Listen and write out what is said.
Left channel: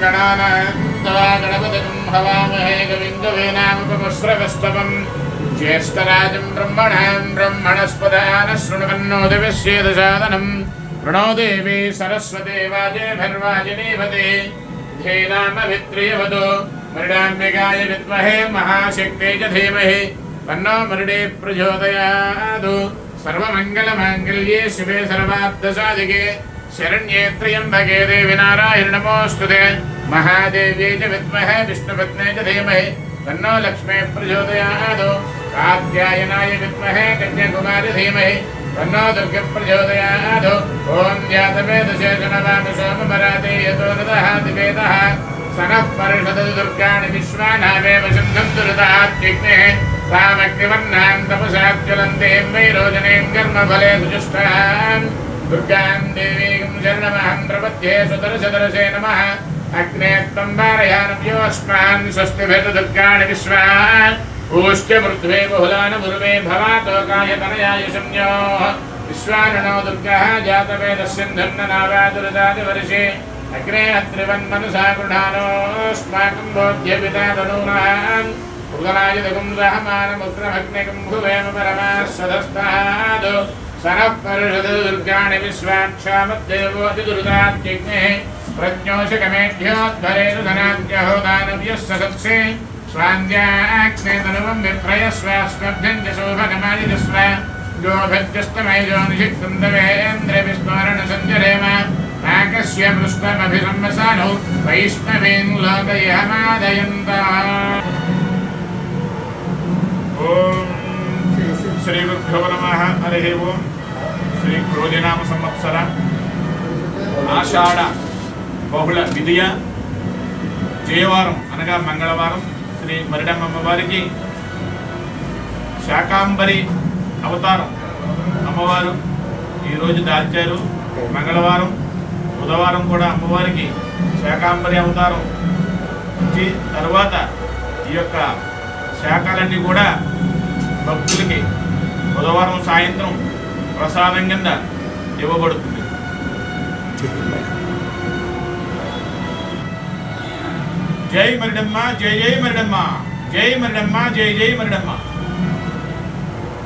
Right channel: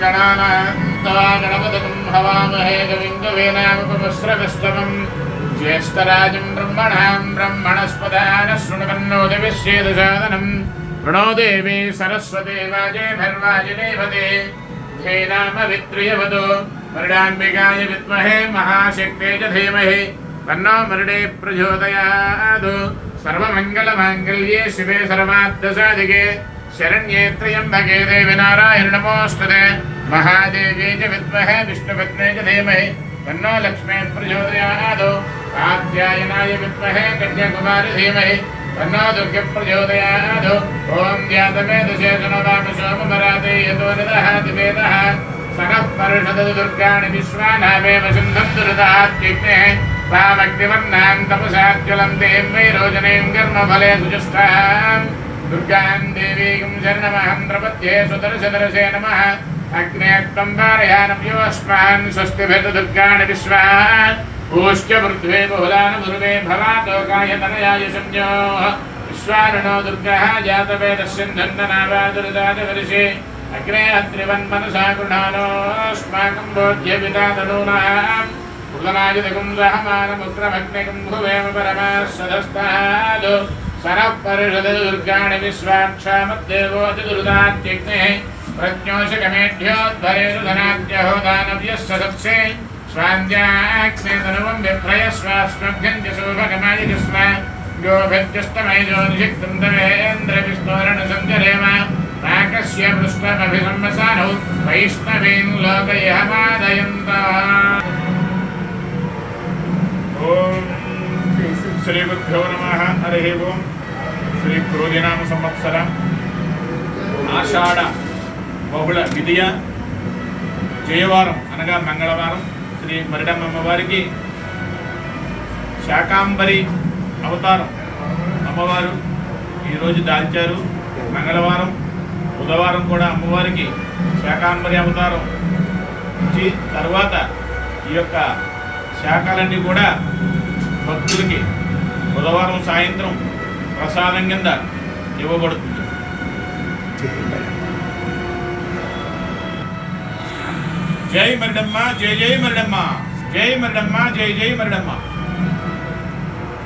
गणानान्तवा गणपतिं हवामहे कविं कवीनामुपमुस्रवस्तवम् ज्येष्ठराजं ब्रह्मणां ब्रह्मणस्पदानः शृण्वन्नो दिविश्येदसादनम् प्रणो देवी सरस्वती वाजेभिर्वाजिनीपते धेनामवित्रियवदो मृडाम्बिकाय विद्महे महाशक्ते च धीमहि तन्नो मृडे प्रचोदयात् सर्वमङ्गलमाङ्गल्ये शिवे सर्वाब्दसादिके शरण्ये त्र्यम्बके देवि नारायण नमोऽस्तुते महादेवी च विद्महे, विष्णुपत्ने च धीमहि। तन्नो लक्ष्मी प्रचोदयात्। कात्यायनाय विद्महे, कन्याकुमारी धीमहि। तन्नो दुर्गप्रचोदयात् ॐ जातवेदशे गणवामशोमराते यतो ददहाति वेदः सनः परिषदतु दुर्गाणि विश्वानामेव सिन्धम् दुरुदात्युग्नेः तामग्निवर्णाम् तपसाज्ज्वलम् देम् वैरोजनीम् कर्मफले सुजुष्टाम् दुर्गाम् देवीकम् शरणमहम् प्रपद्ये सुदर्शदर्शे नमः। అగ్నేత్వం వారయానయోష్మాన్ స్వస్తిభిర్దుర్గాణి విశ్వాన్ ఊశ్చ పృథ్వే బహుళాన్ భుర్వే భవాతోకాయతనయాయ సంయో విశ్వానో దుర్గః జాతవేదస్సిന്ധన్ననారాదురుదాజవర్షే అగ్రే అత్రివన్మనసా గృహానోస్మాకం బోధ్యవితాదనూనాం కృతనాయతికం రహమానముగ్రమగ్నికం భువేమ పరమాः సదస్తాదు సనః పరిషదు దుర్గాణి విశ్వాక్షామద్దేవోతి దురుదాత్యగ్నేः प्रज्ञोशकमेढ्योद्धरेषु धनाद्यहो दानव्यः सदत्से स्वान्द्याग्नेतनुवम् विभ्रयस्व अस्मभ्यम् च शोभगमायजस्व गोभिर्जस्तमयजोनिषिक्न्दवेन्द्रविस्मरणसञ्जरेम नाकस्य पृष्ठमभिसंवसानौ वैष्णवेन् लोकयहमादयन्ता ॐ श्रीगुरुभ्यो नमः हरिः ओम् श्रीक्रोधिनाम संवत्सरम् आषाढ బహుళ విధియ జయవారం అనగా మంగళవారం శ్రీ మరిడమ్మ వారికి శాకాంబరి అవతారం అమ్మవారు ఈరోజు దాల్చారు. మంగళవారం బుధవారం కూడా అమ్మవారికి శాకాంబరి అవతారం ఇచ్చి తర్వాత ఈ యొక్క శాఖలన్నీ కూడా భక్తులకి బుధవారం సాయంత్రం ప్రసాదం కింద ఇవ్వబడుతుంది. జై మరిడమ్మ జై జై మరిడమ్మ జై మరిడమ్మ జై జై మరిడమ్మ.